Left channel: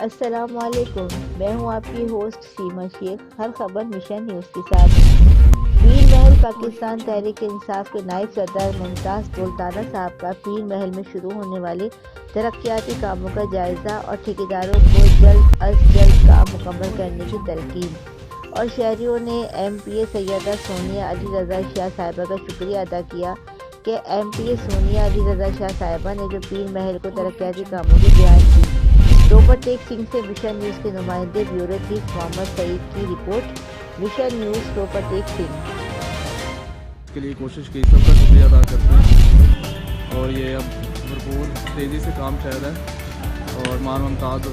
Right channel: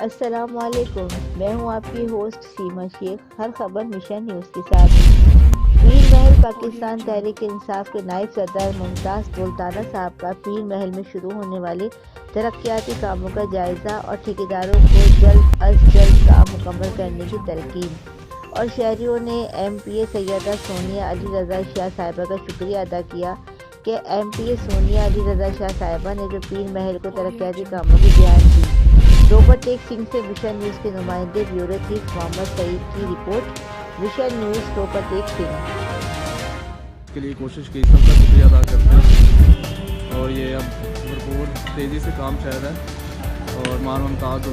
अस्सलामुअलैकुम, मैं हूं आपकी होस्ट सीमा शेख। हर खबर मिशन न्यूज़ के साथ। पीर महल पाकिस्तान तहरीक इंसाफ के नायब सदर मुमताज़ सुल्ताना साहब का पीर महल में शुरू होने वाले तरक्याती कामों का जायज़ा और ठेकेदारों को जल्द अज जल्द काम मुकम्मल करने की तलकीन। और शहरियों ने MPA सैयदा सोनिया अली रज़ा शाह साहिबा का शुक्रिया अदा किया कि MPA सोनिया अली रज़ा शाह साहिबा ने जो पीर महल को तरक्याती कामों की बयान दी। रोपर टेक सिंह से मिशन न्यूज़ के नुमाइंदे ब्यूरो चीफ मोहम्मद सईद की report. Mission news Ropar take Singh के लिए कोशिश की, सबका शुक्रिया अदा करते हैं। और ये अब भरपूर तेज़ी से काम चल रहा है और मान मुमताज़